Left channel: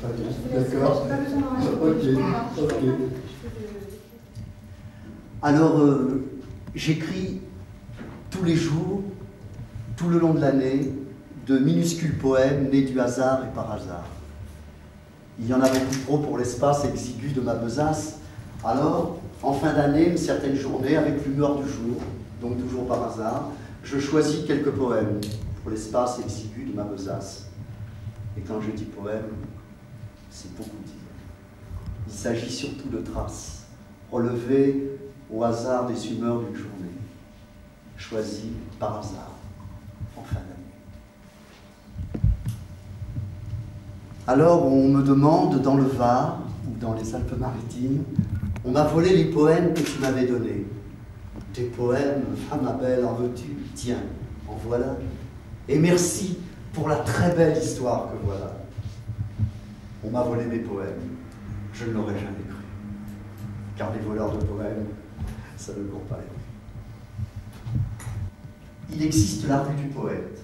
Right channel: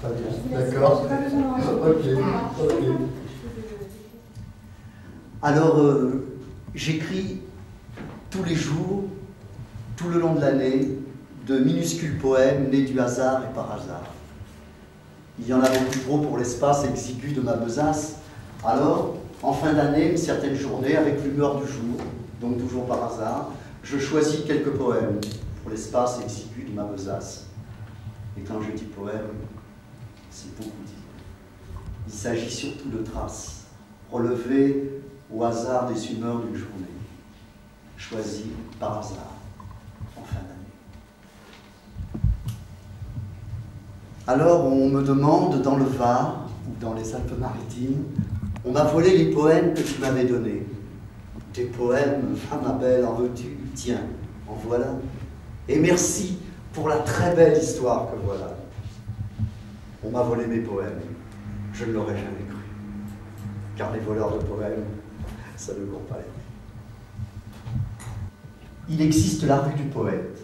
très bien. D'accord. Ok, ok. Alors, j'écris tous les jours, tout le long de l'année, de minuscules poèmes nés du hasard et par hasard. Il y en a beaucoup trop pour l'espace exigu de ma besace. Alors, en fin d'année, une certaine journée, avec l'humeur du jour, donc toujours par hasard, je choisis quelques poèmes pour l'espace exigu de ma besace. Et quand je dis poème, c'est beaucoup dire. Il s'agit surtout de traces, relevées au hasard des humeurs d'une journée, choisies par hasard, en fin d'année. Alors on me demande, dans le Var ou dans les Alpes-Maritimes, on m'a volé les poèmes que tu m'avais donnés. Des poèmes, ah ma belle, en veux-tu? Tiens, en voilà. Et merci pour la très belle histoire que voilà. On m'a volé mes poèmes. Je ne l'aurais jamais cru. Car les voleurs de poèmes, ça ne court pas les rues. Il existe la rue du poète,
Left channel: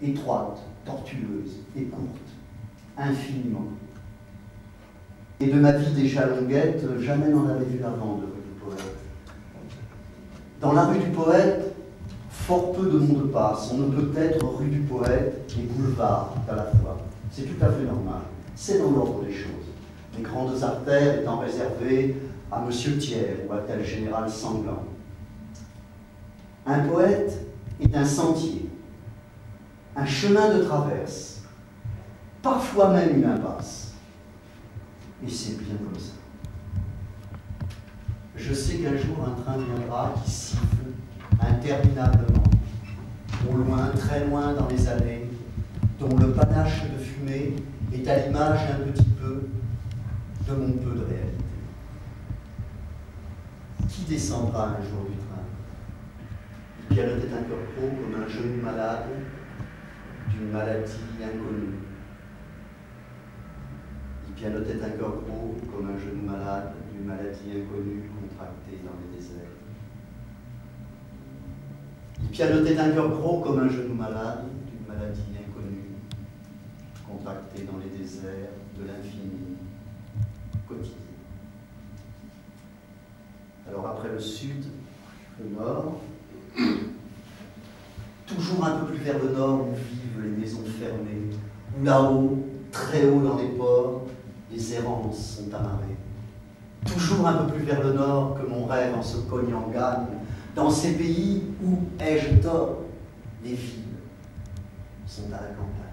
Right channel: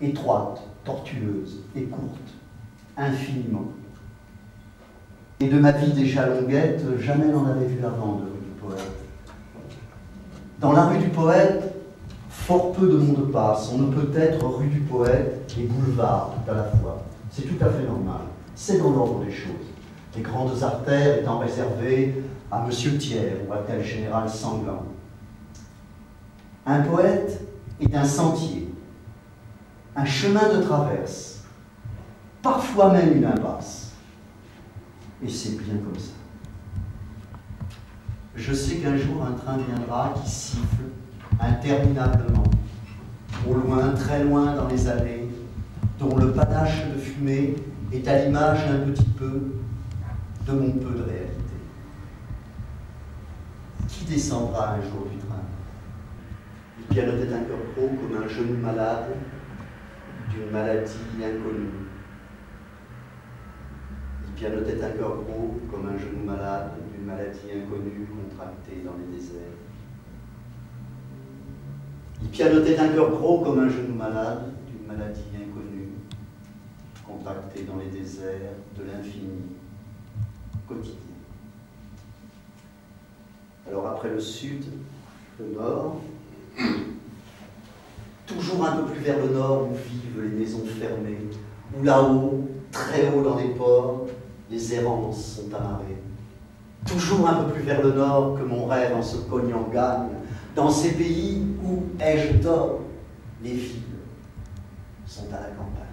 étroite, tortueuse et courte, infiniment. Et de ma vie déjà longuette, jamais n'en avais vu avant de rue du poète. Dans la rue du poète, fort peu de monde passe. On ne peut être rue du poète et boulevard tout à la fois. C'est tout à fait normal. C'est dans l'ordre des choses. Les grandes artères étant réservées à Monsieur Thiers ou à tel général sanglant. Un poète est un sentier, un chemin de traverse, parfois même une impasse. Et c'est bien comme ça. Je sais qu'un jour un train viendra qui siffle interminablement, au loin, très loin dans les allées, dont le panache de fumée est à l'image un petit peu de mon peu de réalité. Qui descendra un jour du train? Il pianotait un cœur gros comme un genou malade d'une maladie inconnue. Il pianotait un cœur gros comme un genou malade d'une maladie inconnue contractée dans les déserts. Il pianotait un cœur gros comme un genou malade d'une maladie inconnue contractée dans les déserts de l'infini quotidien. Alors après le sud, le nord, toujours un peu plus vers le nord où vivent les maisons fermées, où là-haut, très haut dans les ports, les errances sont amarrées. Toujours un peu plus vers le nord que mon rêve en se cognant gagne, dans ces pays où, ai-je tort, les villes sont à la campagne.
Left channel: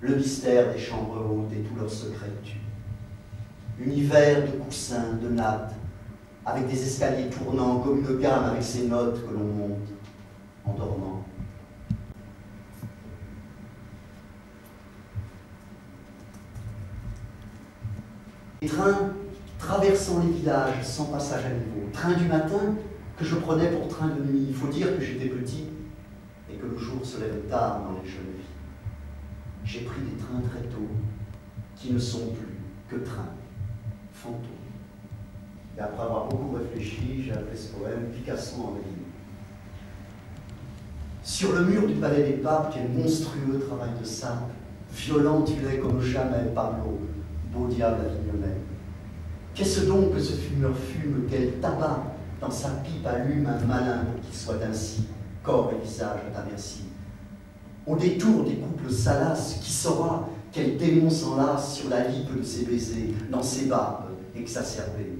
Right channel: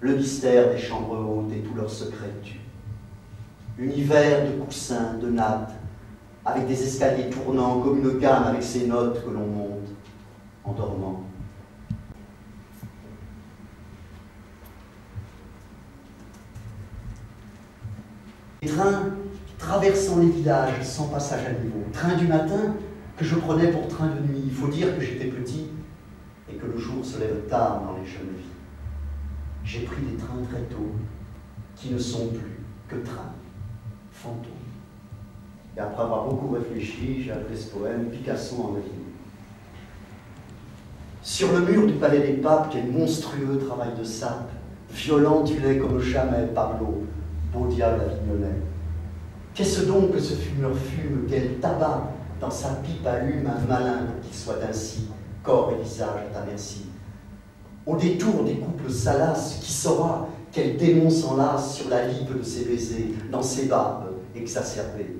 Le mystère des chambres hautes et tous leurs secrets tuent. Univers de coussins, de nattes, avec des escaliers tournants comme une gamme avec ses notes que l'on monte en dormant. Les trains traversant les villages sans passage à niveau. Train du matin que je prenais pour train de nuit. Il faut dire que j'étais petit et que le jour se lève tard dans les jeunes vies. J'ai pris des trains très tôt qui ne sont plus que trains, fantômes. Et après avoir beaucoup réfléchi, j'ai appelé ce poème Picasso en rime. Sur le mur du palais des papes, quel monstrueux travail de sape, violent il est comme jamais Pablo, beau diable avignonnais. Qu'est-ce donc que ce fumeur fume, quel tabac dans sa pipe allume un malin pour qu'il soit ainsi, corps et visage à ta merci. Au détour des couples salaces, qui saura quel démon s'enlace sur la lippe de ses baisers, dans ses barbes exacerbées.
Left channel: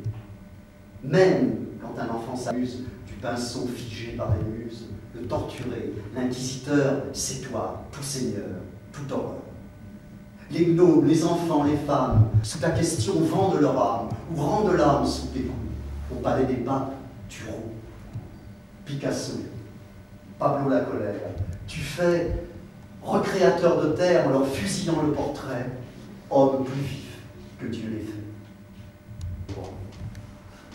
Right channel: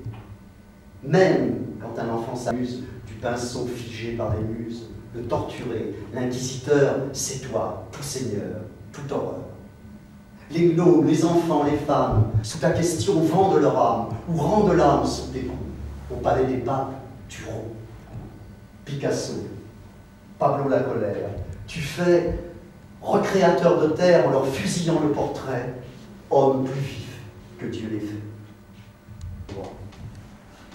Même quand un enfant s'amuse du pinceau figé par les muses, le torturé, l'inquisiteur, c'est toi, tout seigneur, toute horreur. Les gnomes, les enfants, les femmes, sous ta question vendent leur âme, ou rendent l'âme sous tes coups. Au palais des papes, tu romps. Picasso, Pablo la colère, tu fais recréateur de terre en leur fusillant le portrait, homme plus vif que Dieu les fait. Bon.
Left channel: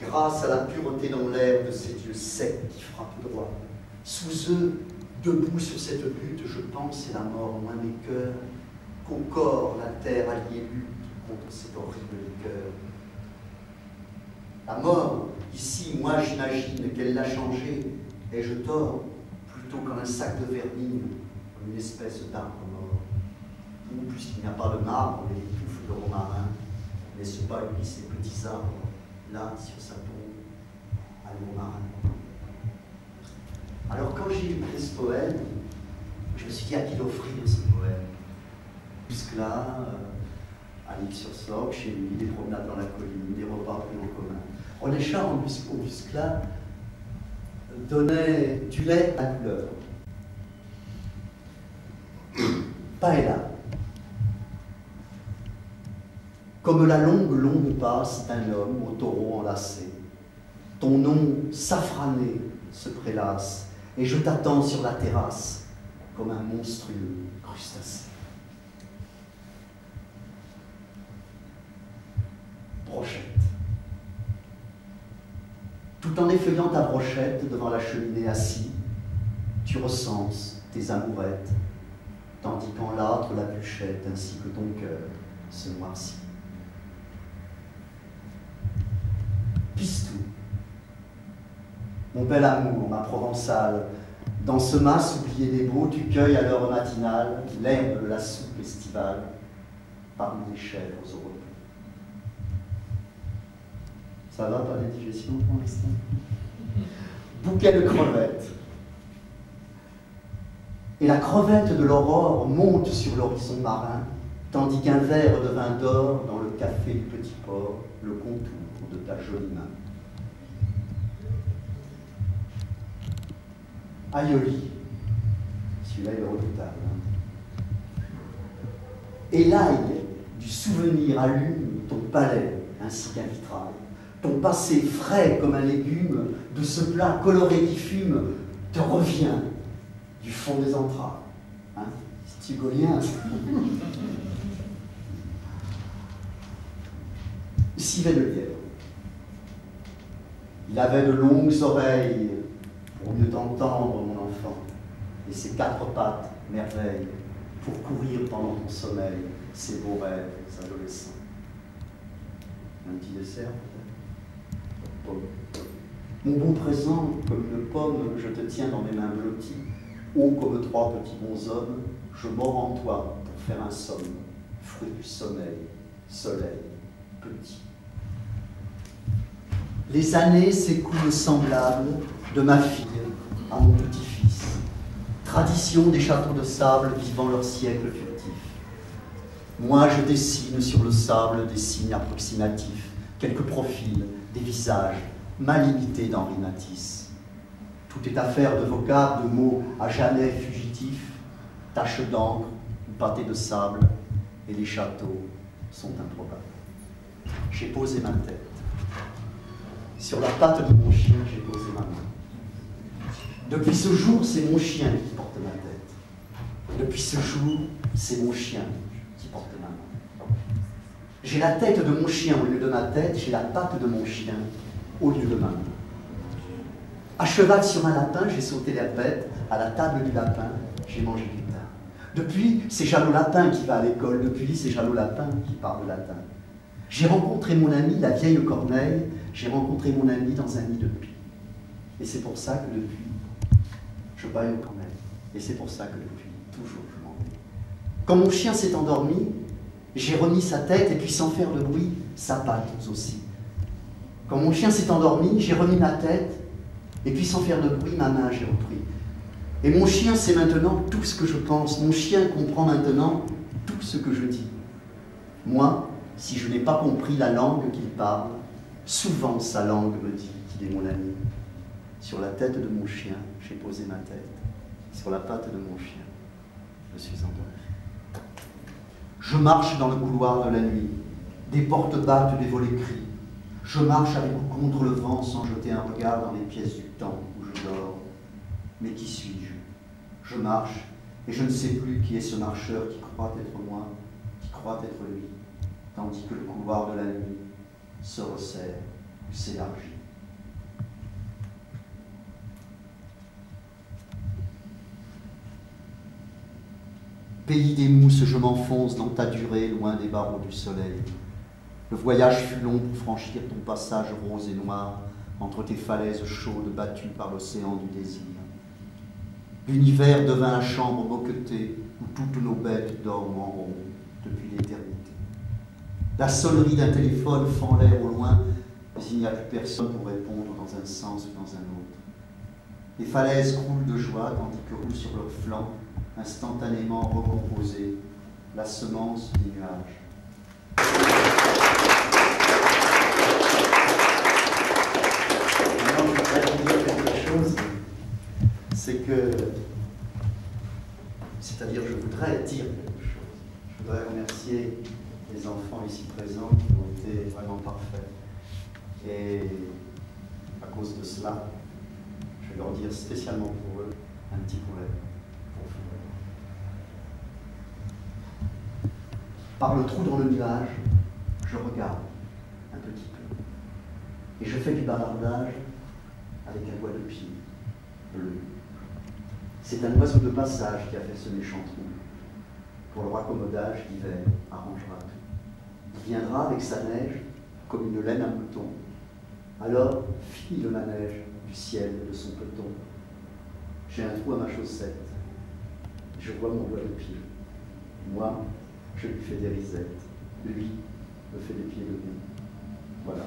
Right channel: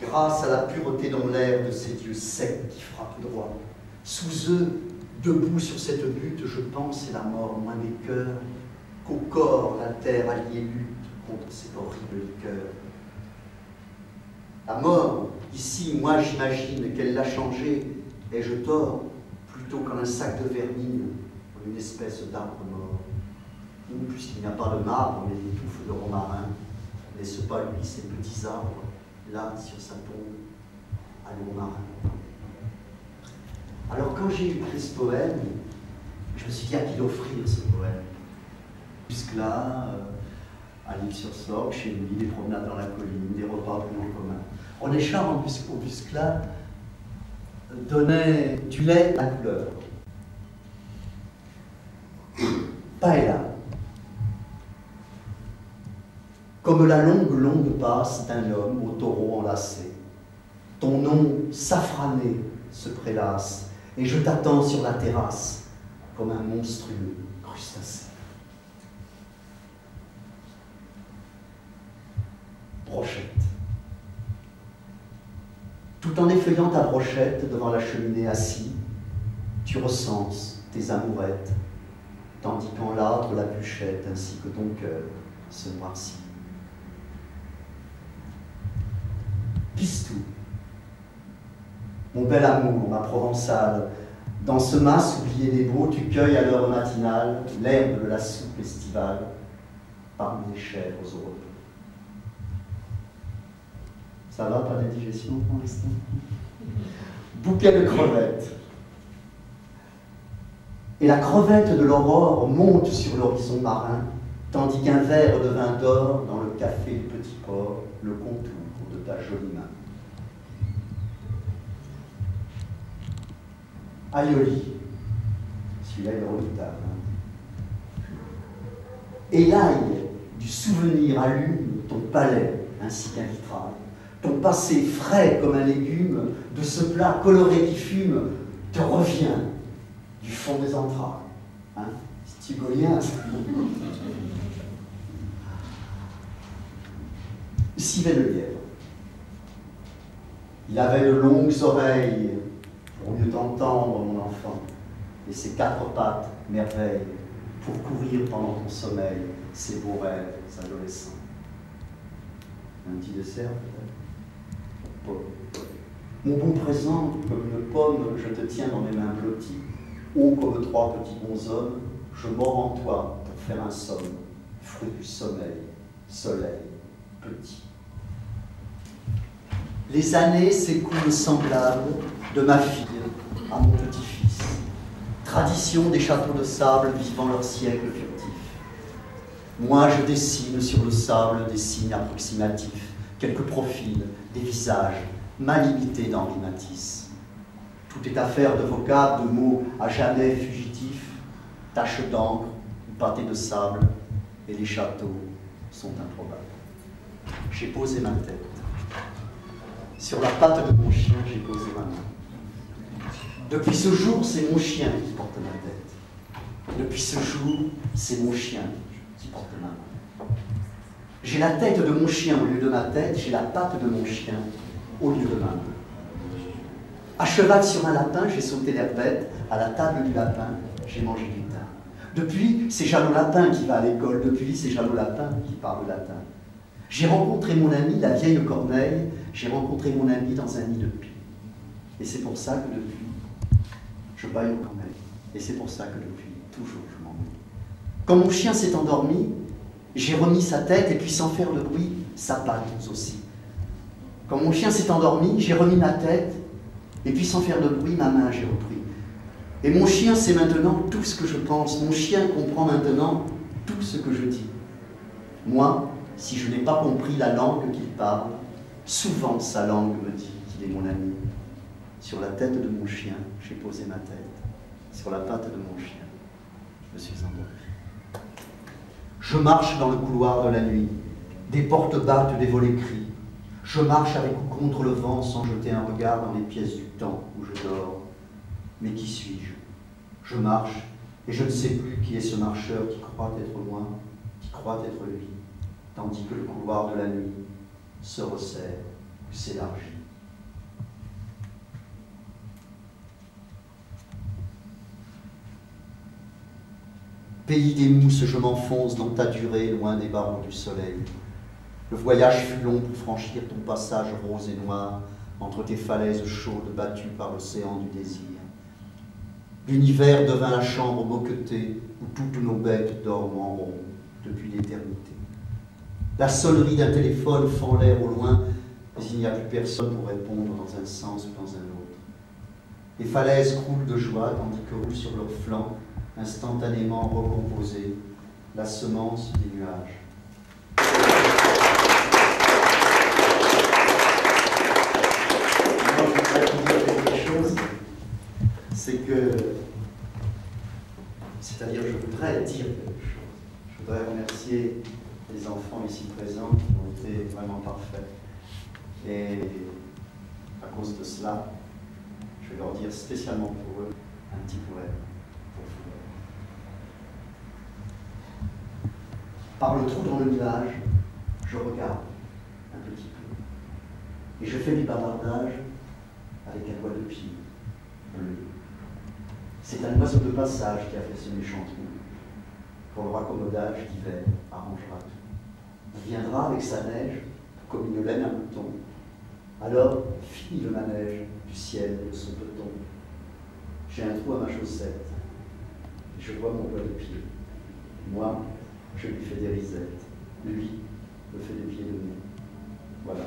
Grâce à la pureté dans l'air de ces dieux secs qui frappent droit, sous eux, debout sur cette butte, je pense, et la mort loin des cœurs, qu'au corps la terre alliée lutte contre cette horrible liqueur. La mort, ici, moi j'imagine qu'elle l'a changée, ai-je tort, plutôt qu'en un sac de vermine, comme une espèce d'arbre mort, ou puisqu'il n'y a pas de marbre, mais des touffes de romarin, n'est-ce pas lui ces petits arbres, là, sur sa tombe, à romarin. Alors quand j'ai écrit ce poème, je me suis dit à qui l'offrir ce poème. Jusque-là, un livre sur Slock, chez lui, des promenades dans la colline, des repas plus en commun. René Char, au Buscla, donnait du lait à couleur. Paella. Comme la longue passe d'un homme au taureau enlacé. Ton nom safrané se prélasse, et je t'attends sur la terrasse, comme un monstrueux crustacé. Brochette. Tout en effeuillant ta brochette devant la cheminée assis, tu recenses tes amourettes, tandis qu'en l'âtre la bûchette ainsi que ton cœur se noircit. Pistou, mon bel amour, ma provençale, dans ce mas oublié des beaux, tu cueilles à l'heure matinale l'herbe de la soupe estivale parmi les chèvres au repos. Ça va, pas d'indigestion pour l'instant? Bouquet de crevettes. Et la crevette de l'aurore monte sur l'horizon marin, tandis qu'un verre de vin d'or dans le café du petit port le contour de ta jolie main. Aioli, celui-là il est redoutable. Hein. Et l'ail du souvenir allume ton palais ainsi qu'un vitrail. Ton passé frais comme un légume de ce plat coloré qui fume te revient du fond des entrailles. Hein? C'est hugolien. Civet de lièvre. Il avait de longues oreilles pour mieux t'entendre, mon enfant, et ses quatre pattes, merveilles, pour courir pendant ton sommeil, ces beaux rêves adolescents. Un petit dessert, peut-être? Mon bon présent, comme une pomme, je te tiens dans mes mains blotties, haut comme trois petits bonshommes, je mords en toi pour faire un somme, fruit du sommeil, soleil, petit. Les années s'écoulent semblables de ma fille à mon petit-fils, tradition des châteaux de sable vivant leur siècle furtif. Moi, je dessine sur le sable des signes approximatifs, quelques profils, des visages, mal imités d'Henri Matisse. Tout est affaire de vocables, de mots à jamais fugitifs, taches d'encre ou pâtés de sable, et les châteaux sont improbables. J'ai posé ma tête. Sur la patte de mon chien, j'ai posé ma main. Depuis ce jour, c'est mon chien qui porte ma tête. Depuis ce jour, c'est mon chien qui porte ma main. J'ai la tête de mon chien au lieu de ma tête, j'ai la patte de mon chien au lieu de ma main. À cheval sur un lapin, j'ai sauté l'herbe bête, à la table du lapin, j'ai mangé du thym. Depuis, c'est Jeannot Lapin qui va à l'école, depuis, c'est Jeannot Lapin qui parle latin. J'ai rencontré mon ami, la vieille Corneille, j'ai rencontré mon ami dans un nid de pie. Et c'est pour ça que depuis, je baille aux corneilles. Et c'est pour ça que depuis, toujours, je m'ennuie. Quand mon chien s'est endormi, j'ai remis sa tête et puis sans faire de bruit, sa patte aussi. Quand mon chien s'est endormi, j'ai remis ma tête et puis sans faire de bruit, ma main j'ai repris. Et mon chien sait maintenant tout ce que je pense. Mon chien comprend maintenant tout ce que je dis. Moi, si je n'ai pas compris la langue qu'il parle, souvent sa langue me dit qu'il est mon ami. Sur la tête de mon chien, j'ai posé ma tête. Sur la patte de mon chien, je me suis endormi. Je marche dans le couloir de la nuit. Des portes battent, des volets crient. Je marche avec ou contre le vent sans jeter un regard dans les pièces du temps où je dors. Mais qui suis-je? Je marche et je ne sais plus qui est ce marcheur qui croit être moi, qui croit être lui, tandis que le couloir de la nuit se resserre ou s'élargit. Pays des mousses, je m'enfonce dans ta durée, loin des barreaux du soleil. Le voyage fut long pour franchir ton passage rose et noir entre tes falaises chaudes battues par l'océan du désir. L'univers devint la chambre moquetée où toutes nos bêtes dorment en rond depuis l'éternité. La sonnerie d'un téléphone fend l'air au loin, mais il n'y a plus personne pour répondre dans un sens ou dans un autre. Les falaises croulent de joie, tandis que roule sur leurs flancs, instantanément recomposée, la semence des nuages. Maintenant, je voudrais vous dire quelque chose, c'est je voudrais dire quelque chose. Je voudrais remercier les enfants ici présents qui ont été vraiment parfaits. Et à cause de cela, je vais leur dire spécialement pour eux un petit poème pour vous. Par le trou dans le nuage, je regarde un petit peu. Et je fais du bavardage avec un doigt de pied bleu. C'est un oiseau de passage qui a fait ce méchant trou. Pour le raccommodage d'hiver arrangera tout. Il viendra avec sa neige comme une laine à mouton. Alors, fini le manège du ciel et de son peloton. J'ai un trou à ma chaussette. Je vois mon doigt de pied. Moi, je lui fais des risettes. Lui me fait des pieds de nez. Voilà.